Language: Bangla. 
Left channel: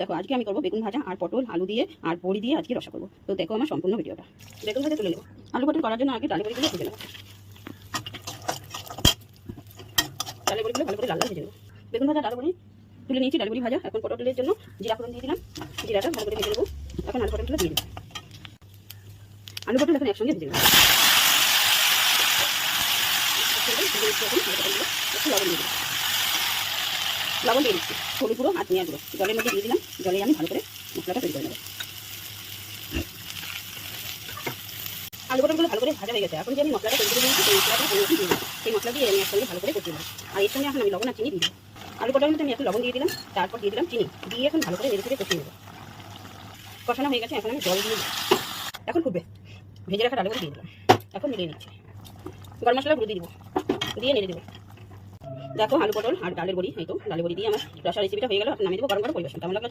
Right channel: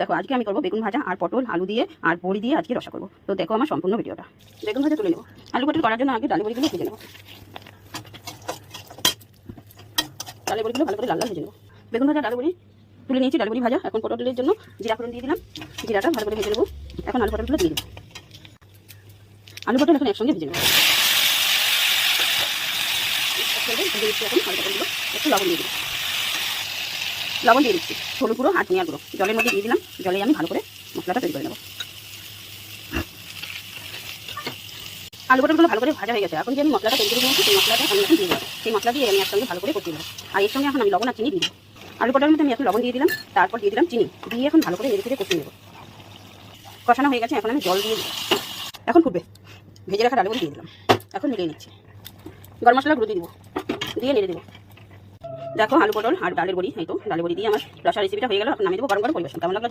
দেখো আজকে আমি করবো বেগুন ভাজা আর পটল আলু দিয়ে আর বড়ি দিয়ে আজকে রসা করবো। তো দেখো আমার সম্পূর্ণ ভিডিওটা। বেগুন ভাজা তুলে নেবো। আলু পটল করার জন্য আগে ডালের বড়িগুলো ভেজে নেবো। ডালের বড়িগুলো ভালো করে লাল লাল ভেজে নেবো। বেগুন ভাজা ডালের বড়ি তুলে নিয়েছি। ডালের বড়ি ভাজা। এখন পটলের জন্য জিরা ফোড়ন দিয়ে দিলাম। জিরাটা ভালো করে ভেজে নেবো। এখন আলু পটলগুলো দিয়ে দেবো। আলু পটল এখন একসঙ্গে ভেজে নেবো। একটু লবণ দিয়ে দেবো। লবণ দিয়ে দিচ্ছি, হলুদ গুঁড়ো আর ধনিয়া গুঁড়ো জলের মধ্যে দিয়ে দিলাম। জলে আমি ভালো করে মশলাটা তৈরি করে নেবো। আলু পটলগুলো ভালো করে ভাজা হয়ে গেছে। এখন যে আমি মশলাটা তৈরি করে নিয়েছি সেই মশলাটা আমি এখন দিয়ে দেবো। সেই মশলা দিয়ে আমি একসঙ্গে ভালো করে কষিয়ে নেবো। আর এর সঙ্গে এখন আমি লবণ আর চিনি দিয়ে দেবো। আলু পটলের মধ্যে আমি এখন লবণ দিয়ে দিলাম, তারপর দিয়ে দিলাম চিনি, দিয়ে এখন ভালো করে নেড়ে চেড়ে কষিয়ে নেবো। কষানো হয়ে গেছে, এখন আমি জল দিয়ে দিই। এখন ফুটবে। ভেজে রাখা ডালগুলো দিয়ে দিলাম। এখন মিলিয়ে নিচ্ছি। গরম মশলা গুঁড়ো দিয়ে দিব, দিয়ে নেড়ে দেবো। দেখো আলু পটল আর ডালের বড়ি, এই তো ডালের বড়ি দিয়ে আমার রসা রেসিপিটা হয়ে গেল। এখন নামিয়ে দেবো। গরম গরম পরিবেশন কেমন লাগলো।